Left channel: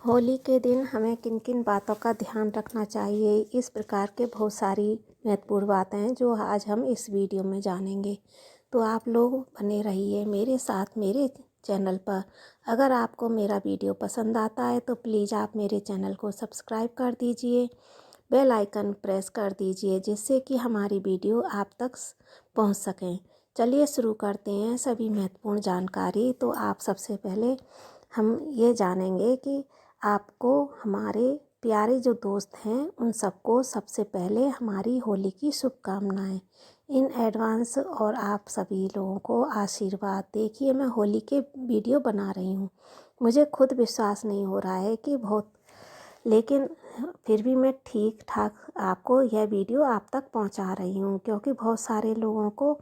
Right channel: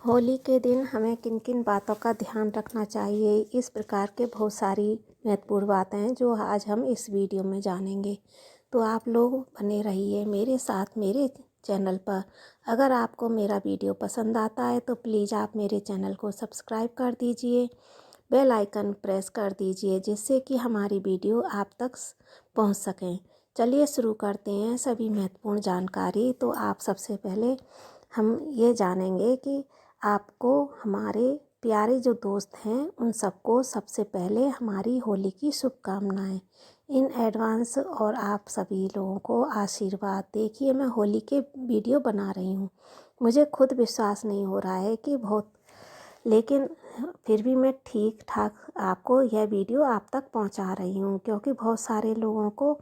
होली के दिन हमें किन किन बातों का ध्यान रखना चाहिए, इस प्रकार के बहुत सारी महत्वपूर्ण बातें हैं जो आज हम इस वीडियो में जानेंगे। तो आप लोग बने रहिए मेरे साथ मेरे चैनल पर। अगर आपको मेरा वीडियो पसंद आता है तो प्लीज़ आप मेरे चैनल को सब्सक्राइब कर दीजिए, बेल आइकन प्रेस कर दीजिए, जिससे कि हमारी वीडियो आप तक पहुंच सकें। चलिए शुरू करते हैं सभी महत्वपूर्ण जानकारी। तो आप सबसे पहले हम ये जानेंगे कि आपको हमारे प्यारे जो दोस्त हैं उन सबको सबसे पहले हमारी होली की शुभकामनाएं इन एडवांस। और आप सभी लोगों को आशीर्वाद। देखिए, मैं होली के वीडियो बना रही हूँ, मुझे खुद विश्वास नहीं हो रहा है कि बहुत, लेकिन फिर भी मैं ठीक ठाक आपको यह वीडियो आप तक पहुंचा रही हूं, क्योंकि बहुत सारे लोगों को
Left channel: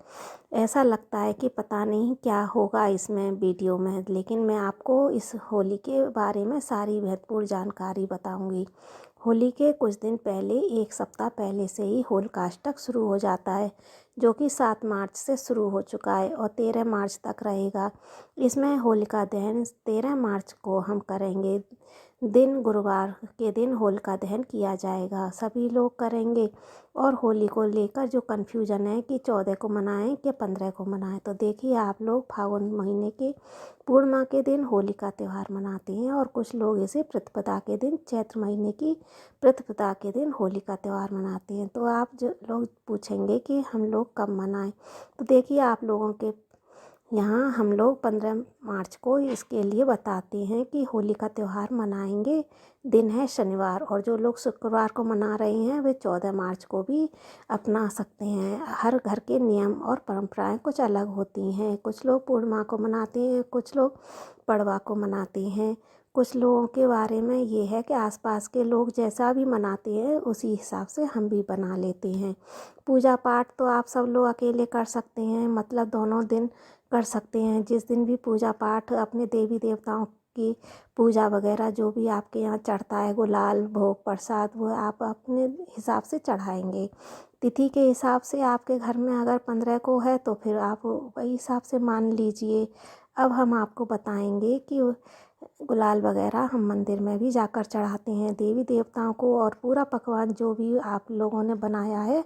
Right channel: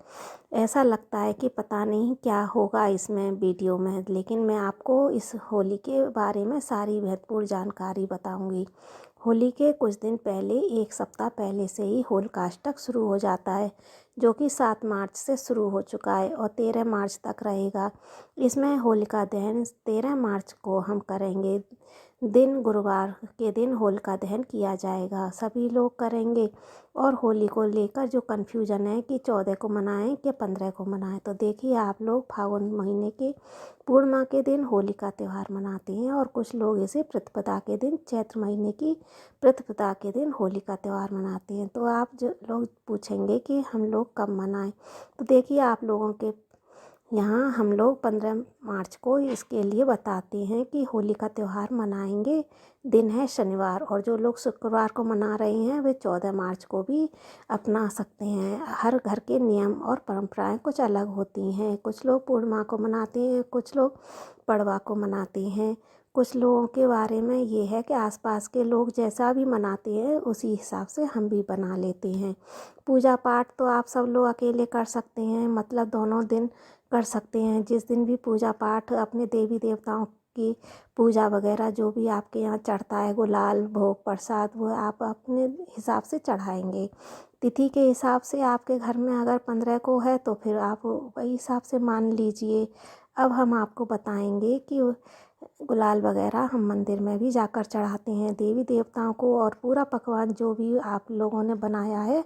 ऐसा लगता है कि पता नहीं क्या होगा इसमें वीडियो में। लेकिन मैं आपको इस होली के बारे में सारी महत्वपूर्ण जानकारी बताऊंगी। होली के कुछ दिन पहले, एक सप्ताह पहले से ही होलिकाष्टक शुरू हो जाता है, जो कि 7 मार्च से शुरू हो चुका है और 13 मार्च तक रहेगा। इसमें होलिका दहन 13 मार्च को हम करेंगे। दिन गुरुवार के दिन होलिका दहन किया जाएगा, सभी लोग करेंगे। और होली को लेकर जो कन्फ्यूजन है कि 14 को मनाएं कि 15 को मनाएं, तो देखिए आप लोग फागुन महीने के पूर्णिमा के दिन होली का त्यौहार मनाते हैं और कुछ लोग इसे प्रतिपदा के दिन, चैत्र महीने की प्रतिपदा के दिन होली का त्यौहार मनाते हैं। तो आप जो लोग पूछेंगे कि हम लोग कब मनाएं, तो देखिए आप लोगों के यहाँ हम लोग 15 मार्च को इसके लिए बताते हैं कि होली का त्यौहार मनाएंगे। दिन है शनिवार, और जो लोग शुक्रवार को मना रहे हैं वे 14 मार्च को भी अपना सकते हैं। हर घर के नियम और परंपराएं कुछ अलग होती हैं। कुछ लोग पूर्णिमा को मनाते हैं, कुछ लोग पड़वा को मनाते हैं। कुछ लोगों के बारे में ये है कि आसपास के लोग जैसा भी मनाते हैं उसी हिसाब से हम भी बना लेते हैं। पूजा पाठ तो आप सब लोग अकेले कर सकते हैं, मतलब दोनों दिन कर सकते हैं। जिस दिन भी पूजा पाठ अपने देवी देवताओं की पूजा वगैरह जो भी आपके यहाँ चढ़ता है, गुलाल भोग प्रसाद, वो आप अपने हिसाब से चढ़ाएंगे। तिथि के हिसाब से आपके घर में अगर 15 को है तो फिर आप वही हिसाब से मान लीजिए। अब हम आपको बताएंगे कि गुलाल वगैरह हम मंदिर में भी जाकर चढ़ाते हैं देवी देवताओं को, और पूरा पकवान जो भी आप लोगों ने बनाया है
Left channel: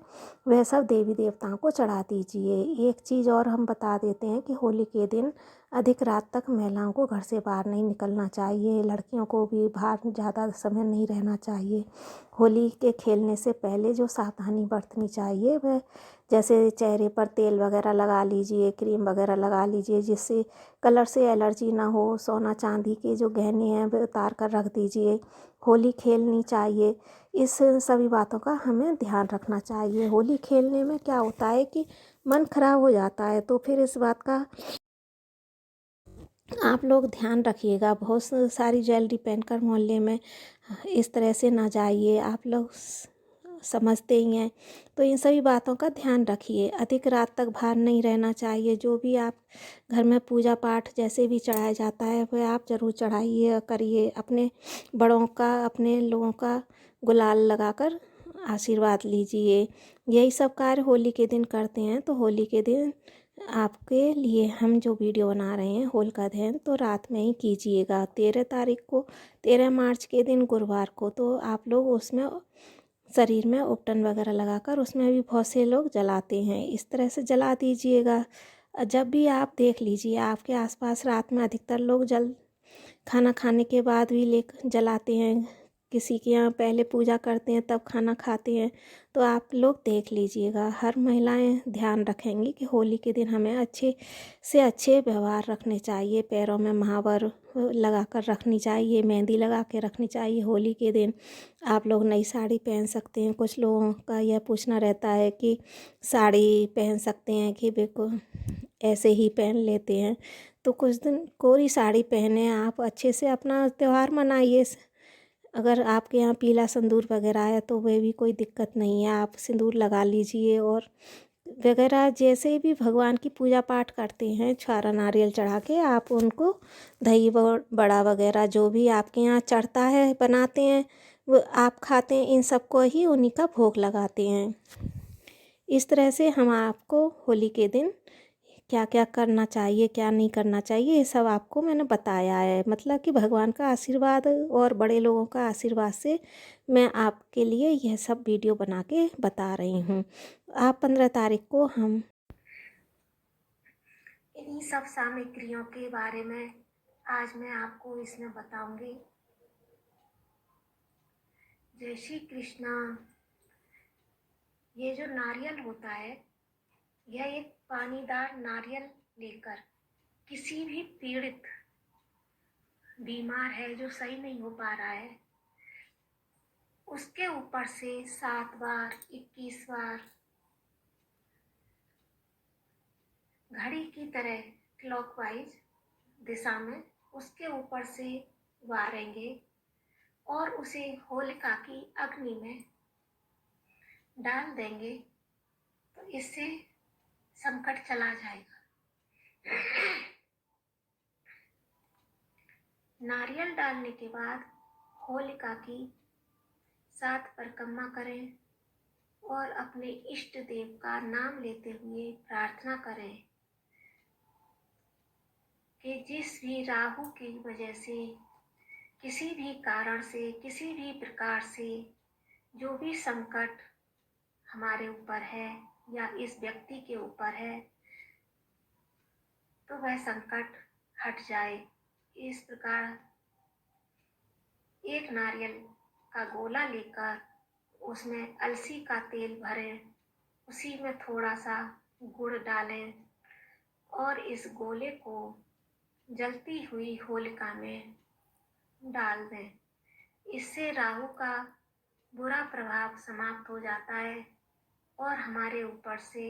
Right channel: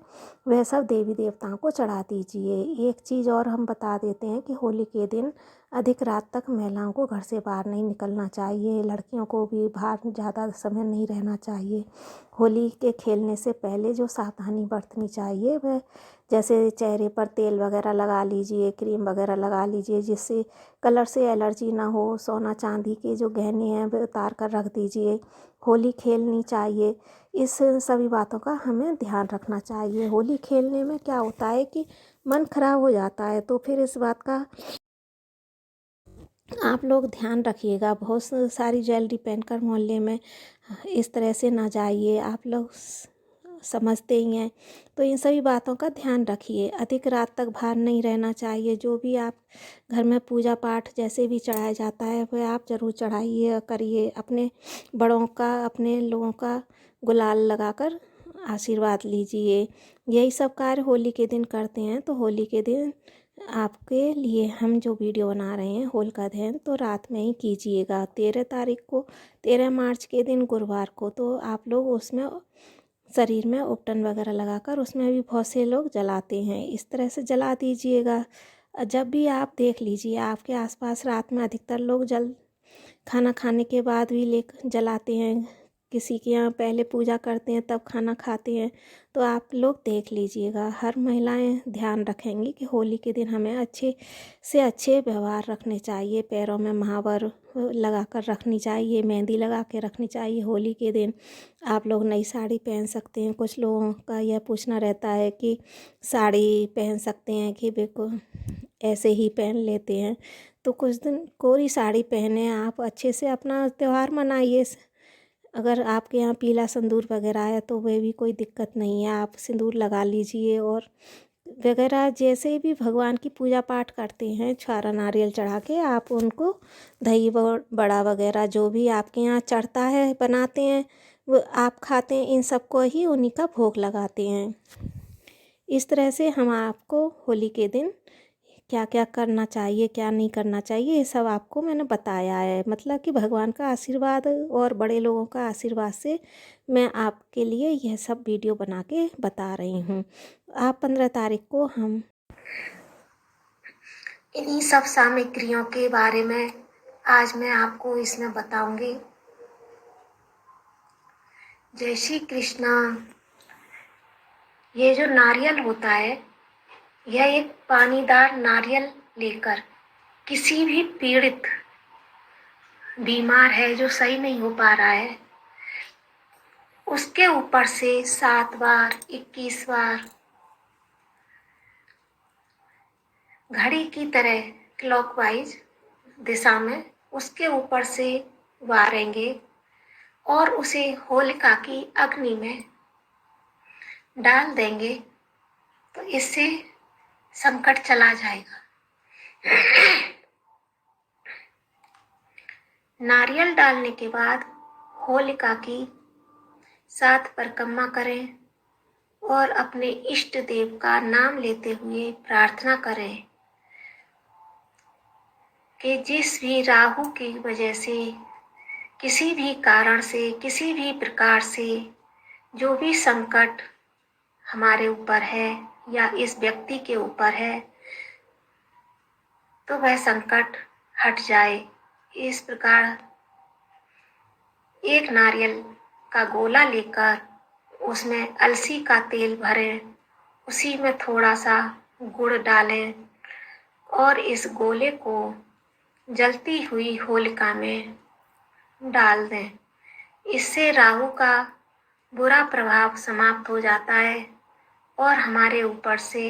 वह सब देवी देवताओं को चढ़ा दीजिए। एक चीज़ और हम बता देते हैं कि होली के दिन अधिक रात तक महिलाओं को घर से बाहर नहीं निकलना चाहिए, लड़कियों को भी बाहर ज़्यादा समय नहीं रहना चाहिए। होली के खेलने से पहले जो सावधानी बरतनी चाहिए वह, जैसे चेहरे पर तेल वगैरह लगा लीजिए, क्रीम वगैरह लगा लीजिए, जिससे कलर से एलर्जी ना हो। सोना चांदी के जो गहने हैं वे उतार कर रख दीजिए। होली खेलनी चाहिए, इस सभी बातों का हमें ध्यान रखना चाहिए। होली खेलने में क्या होता है कि मन खराब हो जाता है, तो फिर इस बात का आप लोग ध्यान रखिएगा। बहुत सारी ज्वेलरी पहनकर मोहल्ले में इस तरह से ना जाइए, आप लोग समझते ही हैं। तो इन सभी बातों का ध्यान रखिए। अधिक रात तक बाहर नहीं रहना चाहिए। जो भी आप घर में पूजा पाठ जैसे भी चढ़ाया जाता है वह आप ज़रूर चढ़ाइए, करिए। अपने बड़ों का, अपने लोगों का गुलाल लगाकर आशीर्वाद लीजिए। यही सब कार्य होली के दिन करते हैं। तो होली के दिन आपके लिए हम जो वीडियो बना रहे हैं होलिका दहन, तो रात में ही कीजिएगा। 13 तारीख को, 13 मार्च के दिन गुरुवार को, तो आप लोग उसमें शरीर में उपटन वगैरह लगाकर उसमें भी बहुत से लोग जलाते हैं, इस तरह से जला दीजिएगा। जब भी आप देख लीजिए आपके आसपास रात में अधिकतर लोग खाना खाने के बाद भी ले जलाते हैं। किसी के यहाँ पहले पूजा करते हैं तब खाना खाते हैं। तो आप लोग देख लीजिएगा। हर महिलाएं ध्यान रखेंगी कि होली के दिन हमें अच्छे से अच्छे व्यवहार रखने चाहिए। पैरों में महावर लगा कर रखनी चाहिए, मेहंदी लगा के रखनी चाहिए। होली के दिन आप लोग नई साड़ी पहन सकते हैं। कुछ लोगों का यह पूछना रहता है कि साड़ी पहन सकते हैं कि बिल्कुल ऐसे ही पहन लेते हैं, तो कुछ दिन कोरी साड़ी पहने आप अच्छे से अपना त्यौहार मनाइए। अगर आपके यहाँ पीला सिंदूर वगैरह है तो वह भी कोई दिक्कत नहीं है, आप सिंदूर लगा लीजिए। और वगैरह जैसे भी भगवान की पूजा पाठ करते हैं, छारा नारियल चढ़ा के आप उनको दही बड़ा वगैरह जो भी आपके यहाँ चढ़ता है बनाते हैं वो आप खाते हैं। इन सबको ही उन्हीं का भोग लगाते हैं। इस तरह से हम आपको होली के दिन क्या क्या करना चाहिए, क्या नहीं करना चाहिए, ये सब आपको मैंने बताया है। मतलब कि भगवान का आशीर्वाद और बड़े लोगों का आशीर्वाद से मैं आपके लिए यह सब वीडियो बना के बता रही हूँ। आप 15 तारीख को हम इन्हीं सब सामग्रियों के बारे में आज मैं आपको इसमें बताऊंगी। जय श्री कृष्णा। ये जो नारियल होता है, यह एक पानीदार नारियल लेकर किसी भी पीड़ित बीमार है जो सही नहीं हो पा रहा है, उसके ऊपर से 7 बार 21 बार घड़ी की तरह क्लॉकवाइज दिशा में उसके ऊपर से वारेंगे और उसे होलिका की अग्नि में डाल देंगे, तो इससे संकट चला जाएगा। नारियल डालने के बाद होलिका की 7 परिक्रमा करें और अपने इष्ट देव का नाम लेते हुए प्रार्थना करें कि जिस भी राहु की वजह से, किसी भी कारण से, किसी भी प्रकार से जो भी संकट हमारे ऊपर है या इस व्यक्ति के ऊपर है, तो वह संकट हट जाए। इस प्रकार एक नारियल का गोला लेकर उसमें अलसी का तेल भरें, उसी में थोड़ा सा गुड़ डालें और इस गोले को जलती हुई होलिका में डाल दें। इससे राहु का बुरा प्रभाव समाप्त हो जाता है और हमारे ऊपर से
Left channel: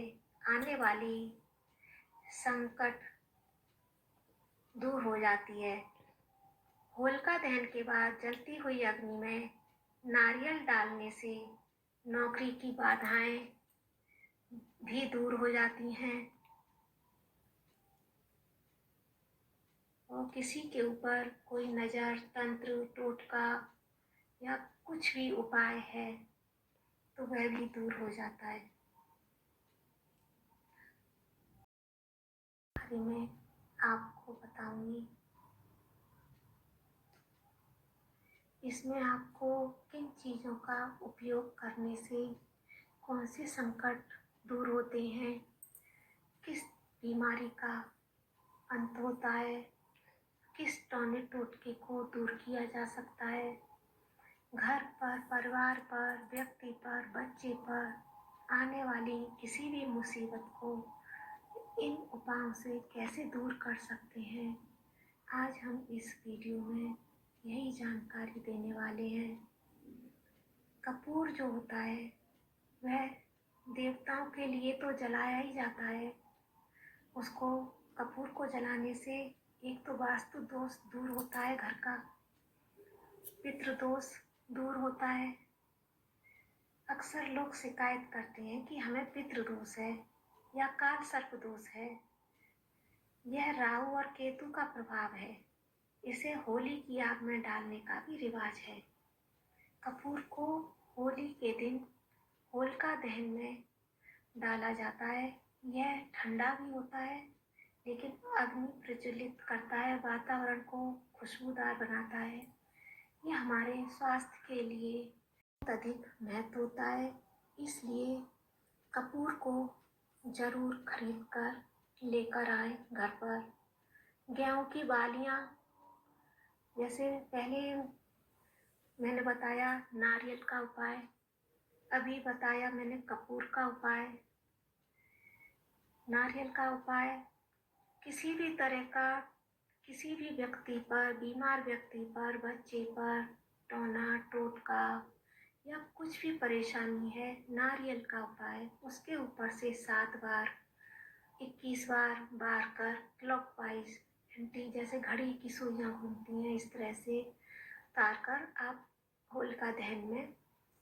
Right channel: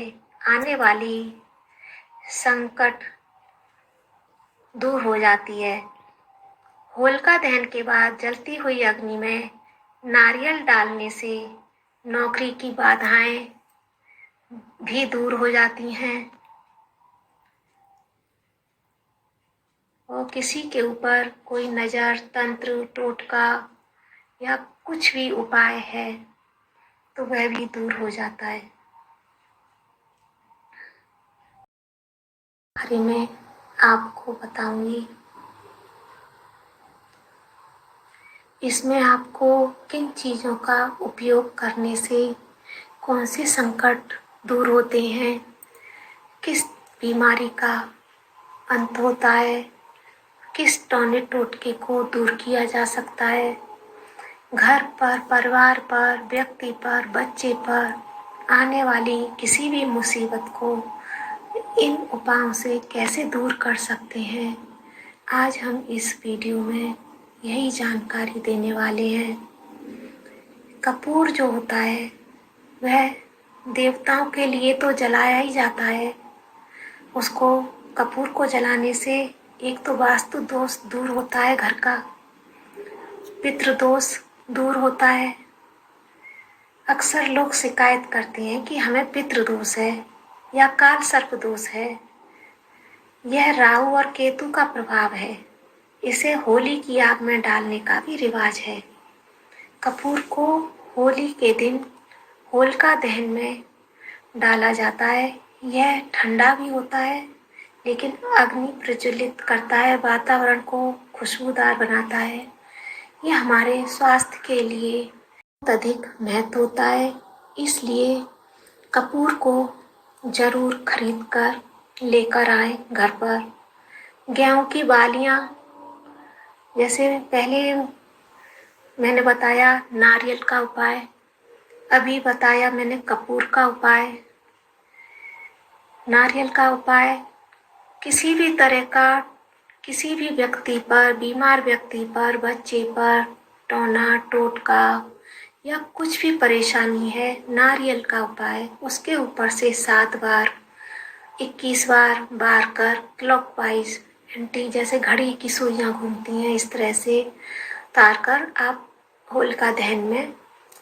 आने वाली संकट दूर हो जाती है। होलिका दहन के बाद जलती हुई अग्नि में नारियल डालने से नौकरी की बाधाएं भी दूर हो जाती हैं और किसी के ऊपर कोई नज़र, तंत्र, टोटका या कुछ भी उपाय है तो वह भी दूर हो जाता है। बारे में आपको बताऊंगी। इसमें आपको किन चीज़ों का उपयोग करने से कौन से संकट दूर होते हैं, किस बीमारी का अंत होता है, किस टोने टोटके को दूर किया जा सकता है, घर पर, परिवार पर, व्यक्ति पर, बच्चे पर आने वाली किसी भी मुसीबत को इन उपायों से कैसे दूर कर सकते हैं, आज हम इस वीडियो में यही जानकारी देने वाले हैं। कपूर जो होता है वह देवताओं के लिए तो जलाया ही जाता है। उसको कपूर को जलाने से एक तो वास्तु दोष दूर होता है, घर का पितृदोष दूर होता है। अक्सर लोग शिकायत करते हैं कि हमें पितृदोष है या काल सर्प दोष है। यह राहु और केतु का प्रभाव है। इसे होली की आग में डालने का भी रिवाज है। कपूर को होली के दिन होलिका दहन में डाला जाता है। यह ठंडा भी होता है लेकिन अग्नि प्रज्वलित करता है, वातावरण को खुशबूदार बनाता है। यह हमारे स्वास्थ्य के लिए बहुत अधिक महत्व होता है। इसलिए कपूर को जरूर खरीद कर लेकर आए घर पर। गेहूं की बालियां, जैसे पहले मैंने बताया नारियल का उपाय, अभी बताया मैंने कपूर का उपाय। नारियल का उपाय किसी भी तरह का, किसी भी व्यक्ति पर, बीमार व्यक्ति पर, बच्चे पर टोना टोटका या कुछ भी परेशानी है, नारियल का उपाय उसके ऊपर से 7 बार 21 बार बार कर क्लॉकवाइज एंटी, जैसे घड़ी की सुइयां घूमती हैं इस तरह से तार कर आप होलिका दहन में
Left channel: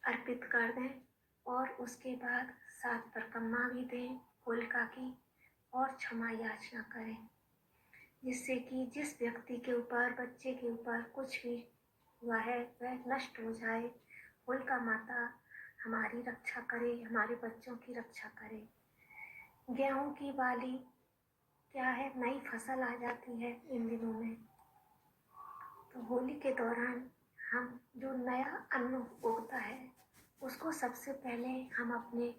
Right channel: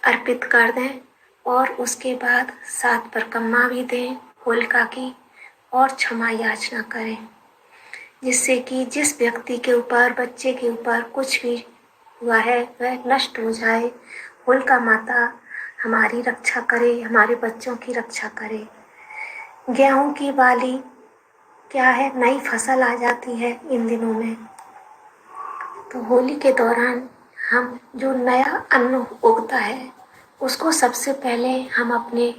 अर्पित कर दें और उसके बाद 7 परिक्रमा भी दें होलिका की और क्षमा याचना करें, जिससे कि जिस व्यक्ति के ऊपर, बच्चे के ऊपर कुछ भी हुआ है वह नष्ट हो जाए। होलिका माता हमारी रक्षा करे, हमारे बच्चों की रक्षा करे। गेहूं की बाली क्या है, नई फसल आ जाती है इन दिनों में। तो होली के दौरान हम जो नया अन्न उगता है उसको सबसे पहले हम अपने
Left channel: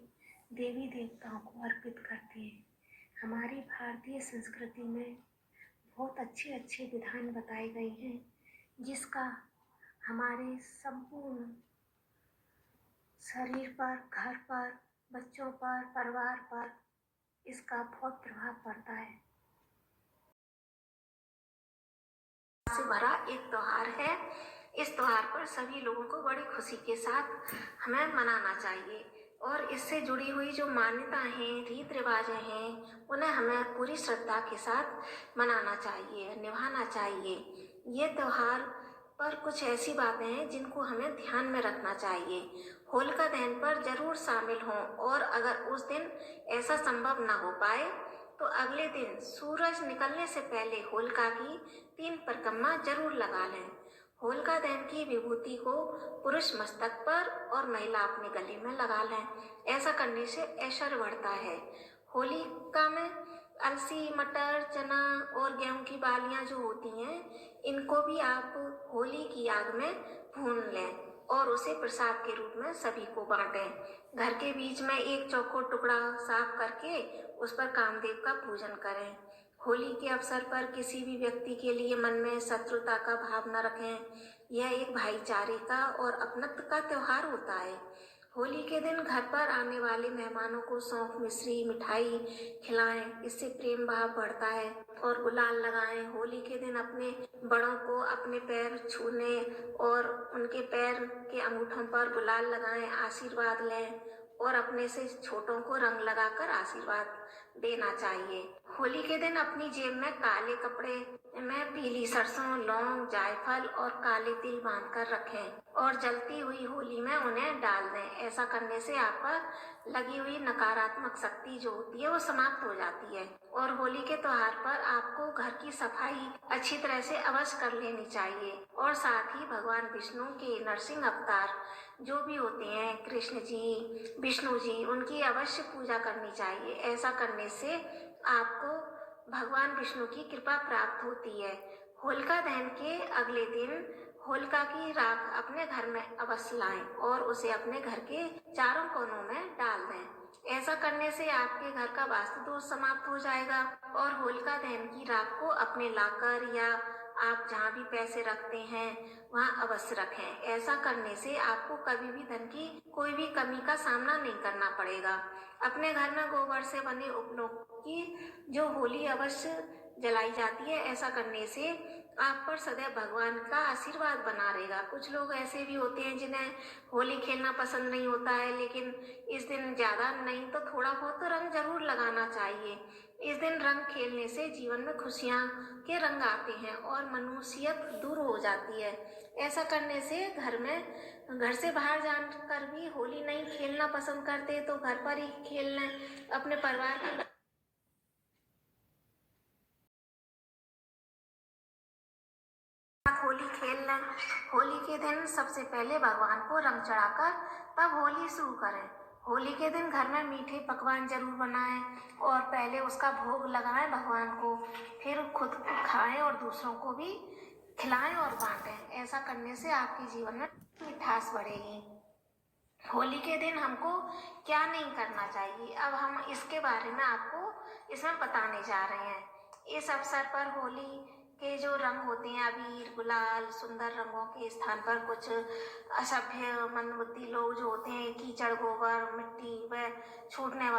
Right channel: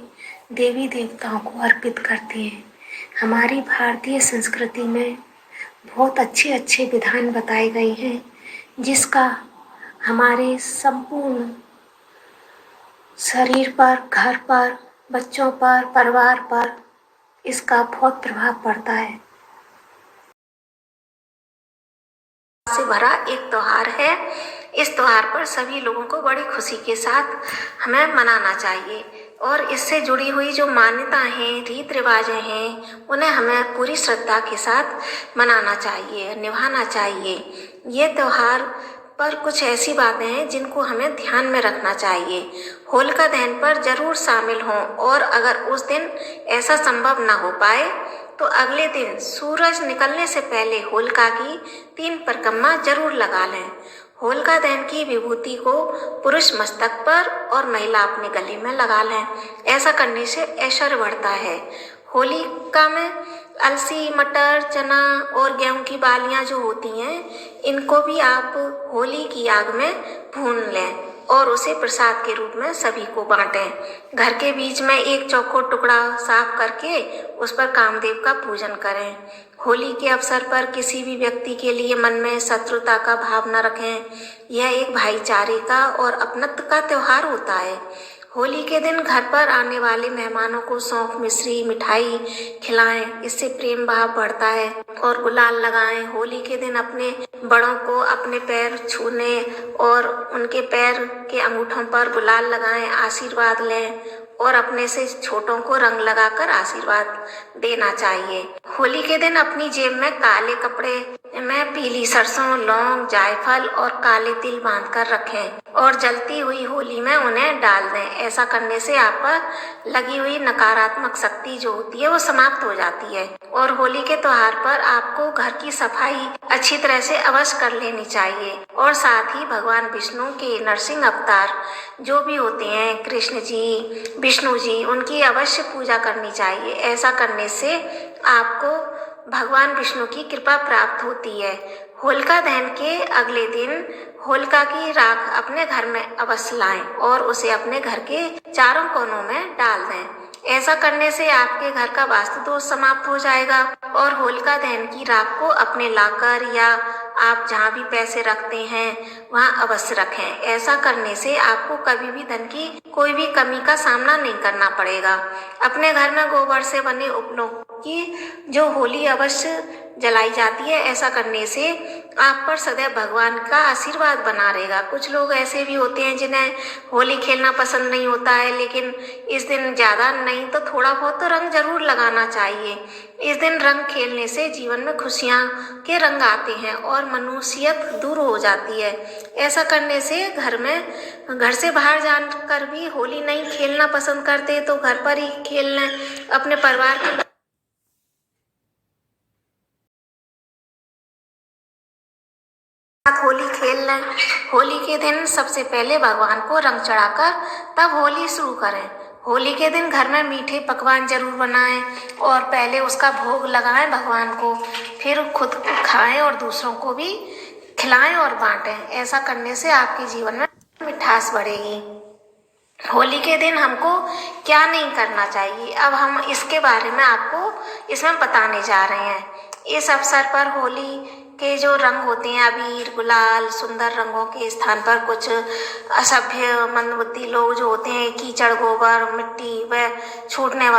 देवी देवताओं को अर्पित करते हैं। हमारी भारतीय संस्कृति में बहुत अच्छे अच्छे विधान बताए गए हैं जिसका हमारे संपूर्ण शरीर पर, घर पर, बच्चों पर, परिवार पर इसका बहुत प्रभाव पड़ता है। से भरा एक त्योहार है। इस त्योहार पर सभी लोगों को बड़ी खुशी के साथ हमें मनाना चाहिए और इससे जुड़ी हुई जो मान्यताएं हैं, रीत रिवाजें हैं, उन्हें हमें पूरी श्रद्धा के साथ मनाना चाहिए, निभाना चाहिए। ये त्योहार पर कुछ ऐसी बातें हैं जिनको हमें ध्यान में रखना चाहिए। होलिका दहन पर जरूर शामिल हों और अगर उस दिन ऐसा संभव ना हो पाए तो अगले दिन सूरज निकलने से पहले होलिका की 3 परिक्रमा जरूर लगा लें। होलिका दहन की विभूति को पुरुष मस्तक पर और महिला अपने गले में लगा लें। ऐसा करने से ऐश्वर्य बढ़ता है। होलिका में अलसी, मटर, चना और गेहूं की बालियां जो होती हैं, इनको भी आप होली की आग में भून लें और उसे प्रसाद के रूप में सभी को बांटें। घर के बीच में एक चौकोर टुकड़ा साफ करके उस पर कामदेव का पूजन करें। होली के अवसर पर किसी भी व्यक्ति के लिए मन में शत्रुता का भाव न रखें। यह एक भाईचारे का और अपनत्व का त्योहार होता है। होली के दिन घर पर आने वाले मेहमानों को सौंफ, मिश्री, मिठाई खिलाएं। इससे प्रेम भाव बढ़ता है। और गुलाल लगाएं। होली के दिन अपने बड़ों को अपने पैर छूने और उनके पैर के अंगूठों पर गुलाल लगाएं, आशीर्वाद लें और अपने से छोटों को रंग लगाकर आशीर्वाद देना चाहिए। होली के दिन अपनी जेब में काले कपड़े में पीली सरसों, लौंग, जायफल और काले तिल बांधकर रखें और जलती हुई होली में उन्हें डाल दें। ऐसा करने से आप पर लगी हुई नकारात्मक शक्ति जो होती है वो समाप्त हो जाती है। और होली के त्योहार पर आपको घर की सफाई अच्छी तरह से अवश्य कर लेनी चाहिए और साथ ही भगवान विष्णु के नरसिंह अवतार जो भी होते हैं, कृष्ण जी, विष्णु जी, उनकी अवश्य पूजा करनी चाहिए। ऐसा करने से आपको भगवान विष्णु की कृपा प्राप्त होती है। होलिका दहन के अगले दिन होलिका की राख अपने घर में अवश्य लाएं और उसे अपने घर के चारों कोनों में डाल दें। ऐसा करने से आपके घर का वास्तु दोष समाप्त हो जाएगा। और होलिका दहन की राख को अपने लाकर या आप जहाँ भी पैसे रखते हैं वहाँ अवश्य रखें। ऐसा करने से आपको कभी भी धन की कोई भी कमी का सामना नहीं करना पड़ेगा। अपने घर में गोबर से बने उपलों की जो होली अवश्य जलाई जाती है। ऐसा करने से आप पर सदैव भगवान का आशीर्वाद बना रहेगा। कुछ लोग ऐसे भी होते हैं जिन्हें होली खेलना पसंद नहीं होता है, लेकिन इस दिन ज़्यादा नहीं तो थोड़ा बहुत तो रंग जरूर लगाना चाहिए। इस दिन रंग खेलने से जीवन में खुशियाँ के रंग आते हैं और मनुष्यत दूर हो जाती है। ऐसा करने से घर से बाहर जाकर भी होली नहीं खेलना पसंद करते तो घर पर ही खेल लें। अपने परिवार के होली खेल लें। होली के दिन सबसे पहले भगवान को रंग चढ़ाकर तब होली शुरू करें। होली के दिन घर में मीठे पकवान जरूर बनाएं और पहले उसका भोग लगाएं भगवान को, फिर खुद खाएं और दूसरों को भी खिलाएं और बांटें। ऐसा करने से आपके जीवन में मिठास बढ़ेगी। होली के दिन हमको क्या नहीं करना चाहिए, अब हम इसके बारे में आपको इसमें बताने जा रहे हैं। इस अवसर पर होली के जो रंग होते हैं, अबीर, गुलाल, सुंदर रंगों के स्थान पर कुछ असभ्य मंदबुद्धि लोग जो होते हैं कीचड़, गोबर, मिट्टी व छूटने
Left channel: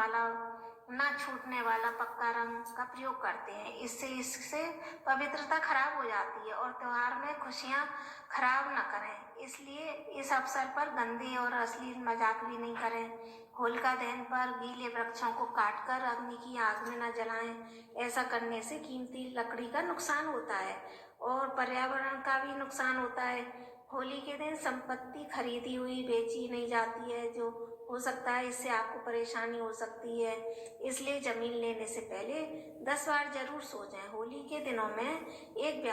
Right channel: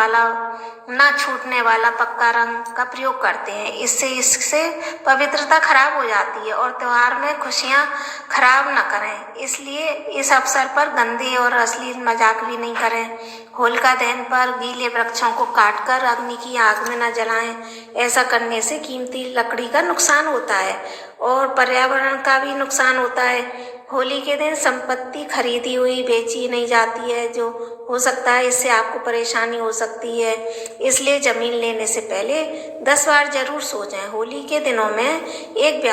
वाला पक्का रंग का प्रयोग करते हैं। इससे पवित्रता खराब हो जाती है और त्योहार में खुशियां खराब न करें। इसलिए इस अवसर पर गंदे और अश्लील मजाक भी नहीं करें। होलिका दहन पर गीले वृक्षों को काटकर अग्नि की आग में न जलाएं। ऐसा करने से कीमती लकड़ी का नुकसान होता है और पर्यावरण का भी नुकसान होता है। होली के दिन संपत्ति खरीदी हुई बेची नहीं जाती है, जो हो सकता है इससे आपको परेशानी हो सकती है। इसलिए जमीन लेने से पहले 10 बार जरूर सोचें। होली के दिनों में एक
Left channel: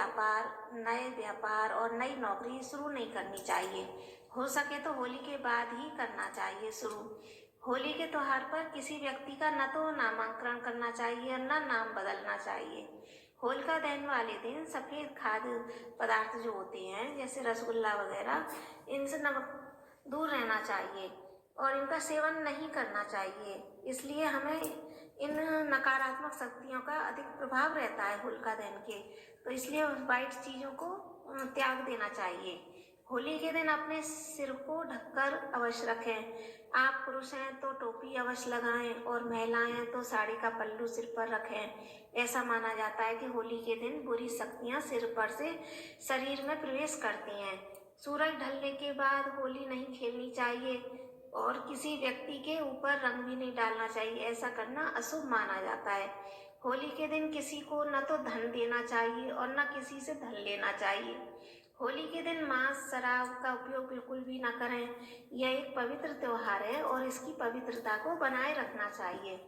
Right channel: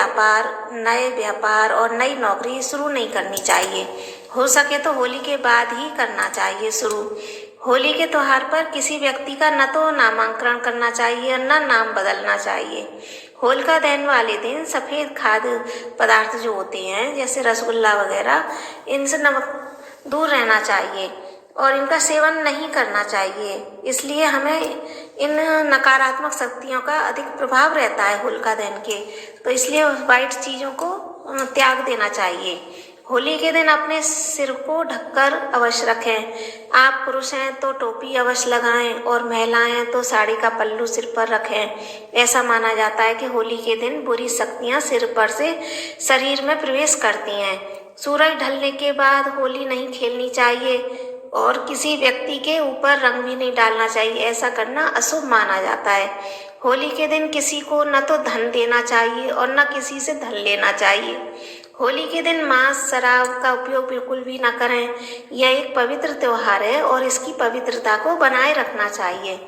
नए व्यापार और नई नौकरी शुरू नहीं करनी चाहिए। हो सके तो होली के बाद ही करना चाहिए शुरू। होली के त्योहार पर किसी व्यक्ति का न तो नामांकन करना चाहिए और न नाम बदलना चाहिए। होलिका दहन वाले दिन सफ़ेद खाद्य पदार्थ जो होते हैं जैसे रसगुल्ला वगैरह, इनसे दूर रहना चाहिए और इनका सेवन नहीं करना चाहिए। इसलिए हमें इन नकारात्मक शक्तियों का अधिक प्रभाव रहता है होलिका दहन के, तो इसलिए वाइट चीज़ों को त्याग देना चाहिए। होली के दिन अपने सिर को ढककर अवश्य रखें। आप पुरुष हैं तो टोपी अवश्य लगाएं और महिलाएं हैं तो साड़ी का पल्लू सिर पर रखें। ऐसा माना जाता है कि होली के दिन बुरी शक्तियां सिर पर से शरीर में प्रवेश करती हैं। सूरज ढलने के बाद होली नहीं खेलनी चाहिए और किसी व्यक्ति के ऊपर रंग भी नहीं डालना चाहिए। ऐसा करना अशुभ माना जाता है। होली के दिन किसी को न तो धन देना चाहिए और न किसी से धन लेना चाहिए। होली के दिन मांस शराब का उपयोग बिल्कुल भी न करें। यह एक पवित्र त्योहार है और इसकी पवित्रता को बनाए रखना चाहिए।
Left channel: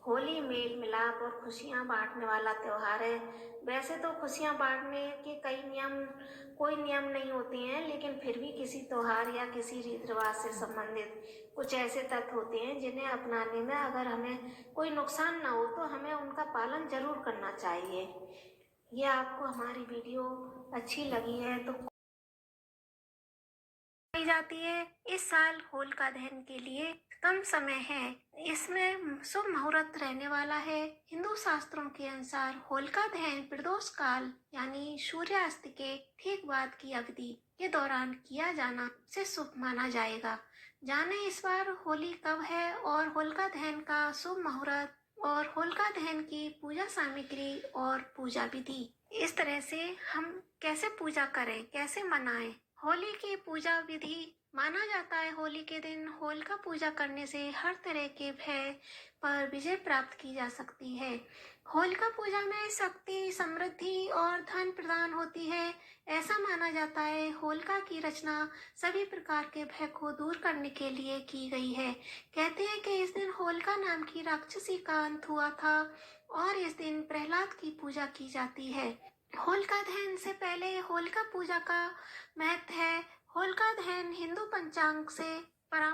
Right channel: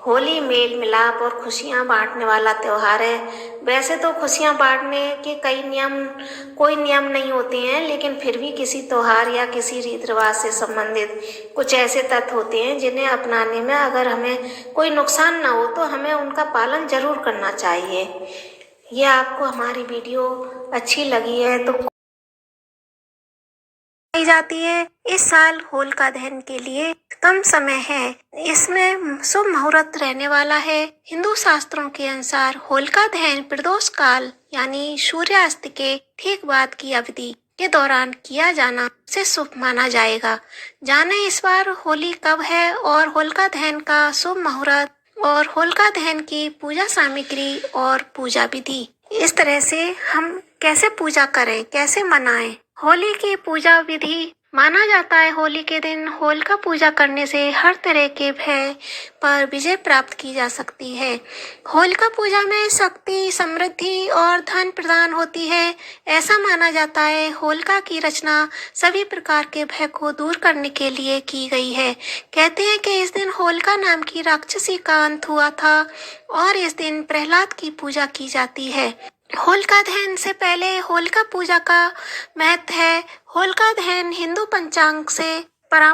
होली मेल मिलाप और खुशियां बांटने वाला त्योहार है। वैसे तो खुशियां बांटने के कोई नियम नहीं होते हैं, लेकिन फिर भी किसी त्योहार या किसी रीति रिवाज से संबंधित कुछ ऐसे तत्व होते हैं जिन्हें अपनाने में अगर हमें कोई नुकसान ना हो तो हमें उनका पालन जरूर करना चाहिए। ये आपको हमारी वीडियो अच्छी लगी है तो जाती है। इस साल होलिका दहन के लिए कम समय है, इसमें शुभ मुहूर्त रहने वाला है। हिंदू शास्त्रों के अनुसार होलिका दहन प्रदोष काल यानी सूर्यास्त के ठीक बाद की अवधि के दौरान किया जाना से शुभ माना जाएगा। जाने इस बार होली कब है और होलिका दहन का शुभ मुहूर्त और होलिका दहन की पूजा सामग्री और पूजा विधि। इस तरह से हम कैसे पूजा करें, कैसे मनाएं। होली की पूजा विधि माना जाता है होली के दिन होलिका पूजा करने से हर तरह के भय पर विजय प्राप्त की जा सकती है। होलिका पूजा में शक्ति, समृद्धि और धन प्रदान होती है। ऐसा माना जाता है होलिका की रचना सभी प्रकार के भय को दूर करने के लिए की गई है। कहते हैं कि इस दिन होलिका नाम की राक्षसी का अंत हुआ था और इस दिन प्रहलाद की पूजा की जाती है। होलिका दहन से पहले होलिका पूजा का महत्व है। होलिका दहन हिंदू पंचांग से पर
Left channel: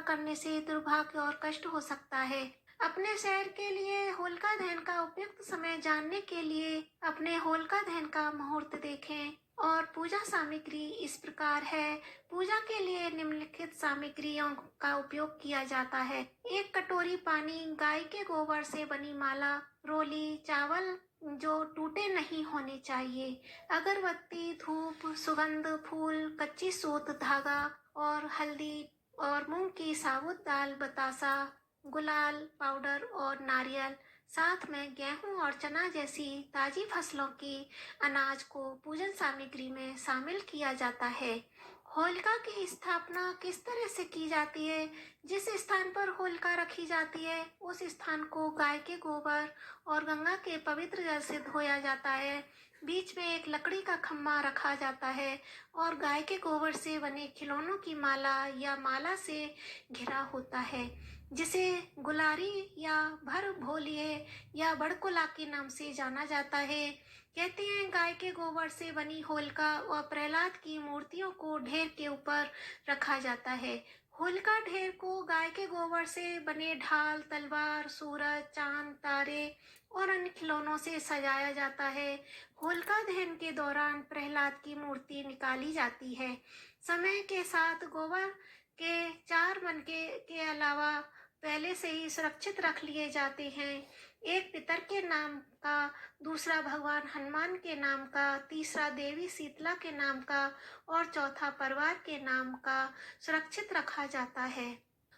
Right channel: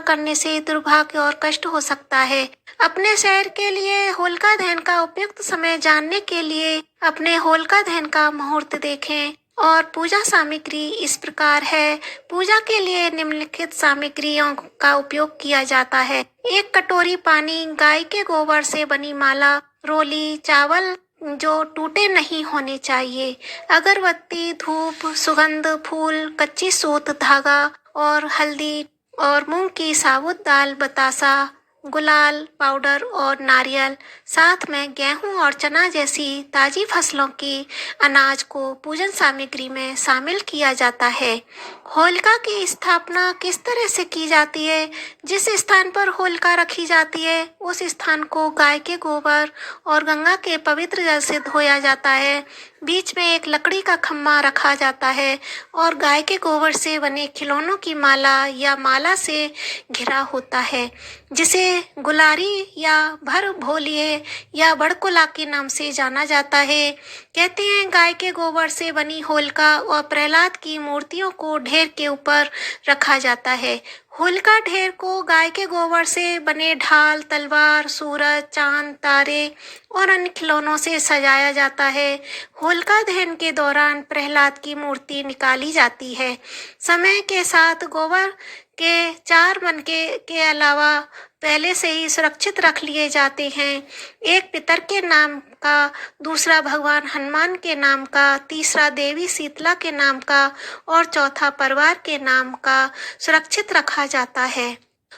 करने से दुर्भाग्य और कष्ट हो सकता है। अपने शहर के लिए होलिका दहन का उपयुक्त समय जानने के लिए अपने होलिका दहन का मुहूर्त देखें और पूजा सामग्री इस प्रकार है। पूजा के लिए निम्नलिखित सामग्रियों का उपयोग किया जाता है। 1 कटोरी पानी, गाय के गोबर से बनी माला, रोली, चावल जो टूटे नहीं होने चाहिए, अगरबत्ती, धूप, सुगंध, फूल, कच्ची सूत, धागा और हल्दी और मूंग की साबुत दाल, बतासा, गुलाल पाउडर और नारियल। साथ में गेहूं और चना जैसी ताजी फसलों की अनाज को पूजन सामग्री में शामिल किया जाता है। होलिका की स्थापना किस तरह से की जाती है? जिस स्थान पर होलिका रखी जाती है उस स्थान को गाय के गोबर और गंगा के पवित्र जल से धोया जाता है। बीच में एक लकड़ी का खम्मा रखा जाता है और गाय के गोबर से बने खिलौनों की माला या माला से घिरा होता है, जिसे गुलारी या भर भोलिए या बड़कुला के नाम से जाना जाता है। कहते हैं गाय के गोबर से बनी होलिका और प्रहलाद की मूर्तियों को ढेर के ऊपर रखा जाता है। होलिका ढेर को गाय के गोबर से बने ढाल, तलवार, सूरज, चांद, तारे और अन्य खिलौनों से सजाया जाता है। होलिका दहन के दौरान प्रहलाद की मूर्ति निकाली जाती है। समय के साथ गोबर के 4 मनके के अलावा पहले से ही सुरक्षित रख लिए जाते हैं। एक पितर के नाम का, दूसरा भगवान हनुमान के नाम का, तीसरा देवी शीतला के नाम का और चौथा परिवार के नाम का सुरक्षित रखा जाता है।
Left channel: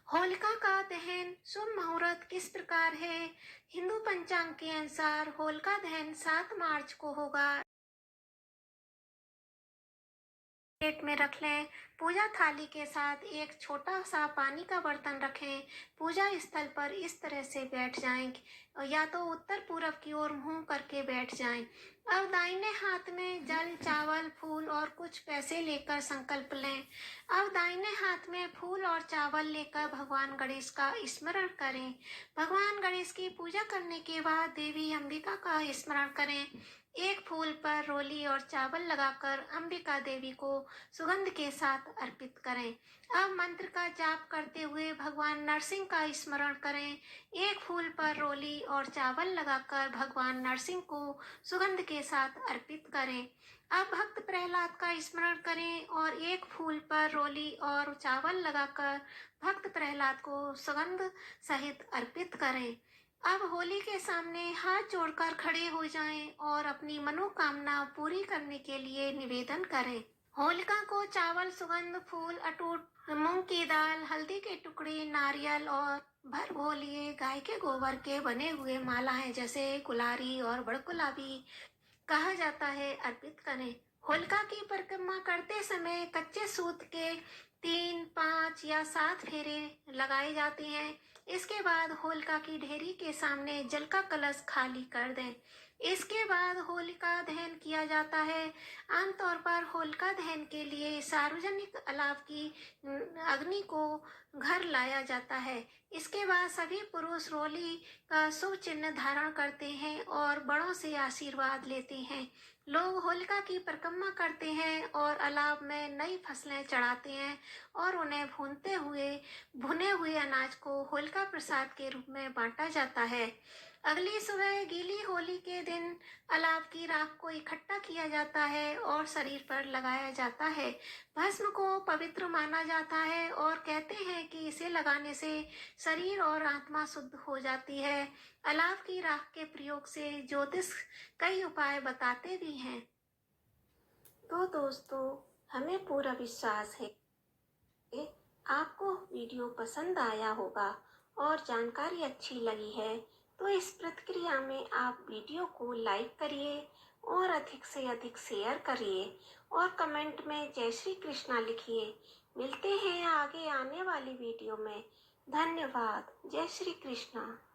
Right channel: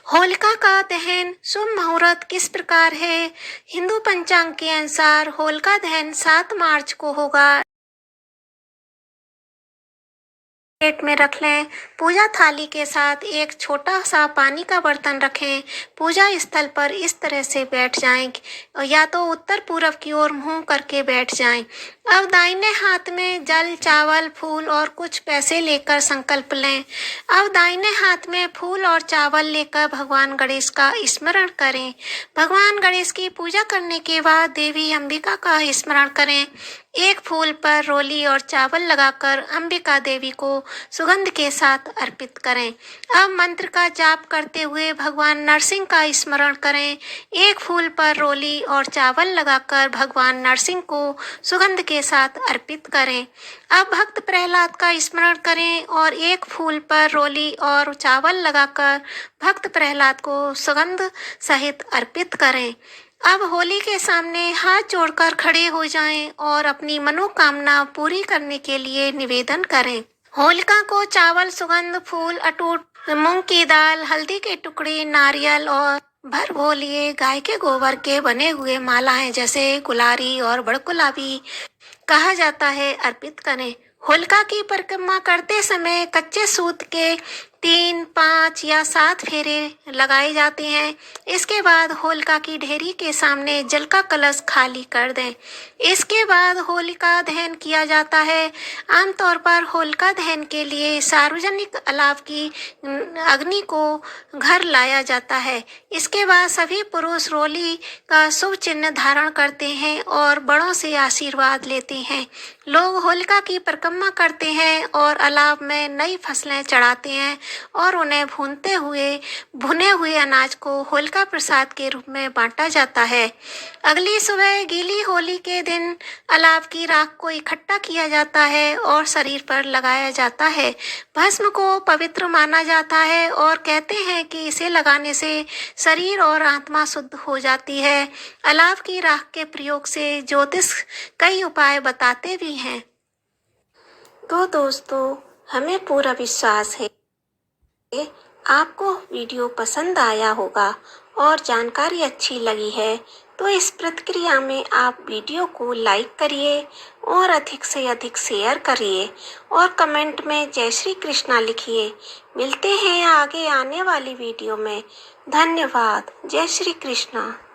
होलिका का दहन शुभ मुहूर्त किस प्रकार है? हिंदू पंचांग के अनुसार होलिका दहन 7 मार्च को होगा। प्लेट में रख लें। पूजा थाली के साथ एक छोटा सा पानी का बर्तन रखें। पूजा स्थल पर इस तरह से बैठ जाएं, या तो उत्तर पूर्व की ओर मुंह करके बैठ जाएं। अब दाहिने हाथ में जल, चावल, फूल और कुछ पैसे लेकर संकल्प लें। अब दाहिने हाथ में फूल और चावल लेकर भगवान गणेश का स्मरण करें। भगवान गणेश की पूजा करने के बाद देवी अंबिका का स्मरण करें। एक फूल पर रोली और चावल लगाकर अंबिका देवी को सुगंध के साथ अर्पित करें। अब मंत्र का जाप करते हुए भगवान नरसिंह का स्मरण करें। एक फूल पर रोली और चावल लगाकर भगवान नरसिंह को सुगंध के साथ अर्पित करें। अब भक्त प्रहलाद का स्मरण करें और एक फूल पर रोली और चावल लगाकर भक्त प्रहलाद को सुगंध सहित अर्पित करें। अब होली के सामने हाथ जोड़कर खड़े हो जाएं और अपनी मनोकामना पूरी करने के लिए निवेदन करें। होलिका को चावल, सुगंध, फूल, अटूट मूंग की दाल, हल्दी के टुकड़े, नारियल और भर भोलिए गाय के गोबर के बने हुए मालाएं जैसे गुलारी और बड़गुलाबी कहा जाता है अर्पित करें। होलिका की परिक्रमा करते समय कच्चे सूत के 3, 5 या 7 फेरे लगाए जाते हैं। इसके बाद होलिका की ढेरी के सामने जल का कलश खाली कर दें। इसके बाद होलिका दहन किया जाता है। आमतौर पर होलिका दहन के लिए सार्वजनिक अलाव की अग्नि को घर लाया जाता है। इसके बाद सभी पुरुष रोली का शुभ चिन्ह धारण करते हैं और बड़ों से आशीर्वाद लेते हैं। लोग होलिका की परिक्रमा करते हैं और अलाव में नई फसलें चढ़ाते हैं और उन्हें भुने हुए अनाज को होलिका प्रसाद के रूप में बांटा जाता है। अगली सुबह गीली होली के दिन अलाव की राख को इकट्ठा किया जाता है और शरीर पर लगाया जाता है। भस्म को पवित्र माना जाता है और कहते हैं कि इसे लगाने से शरीर और आत्मा शुद्ध हो जाती है। अलाव की राख के प्रयोग से ज्योतिष कई उपाय बताते भी हैं। तो दोस्तों, हमें पूरा विश्वास है कि आपको वीडियो पसंद आया होगा और जानकारी अच्छी लगी है। तो इस प्रतिक्रिया में आप वीडियो को लाइक करिए और अधिक से अधिक शेयर करिए और कमेंट में जय श्री कृष्णा लिखिए। मिलते हैं आगे आने वाली वीडियो में। धन्यवाद। जय श्री कृष्णा।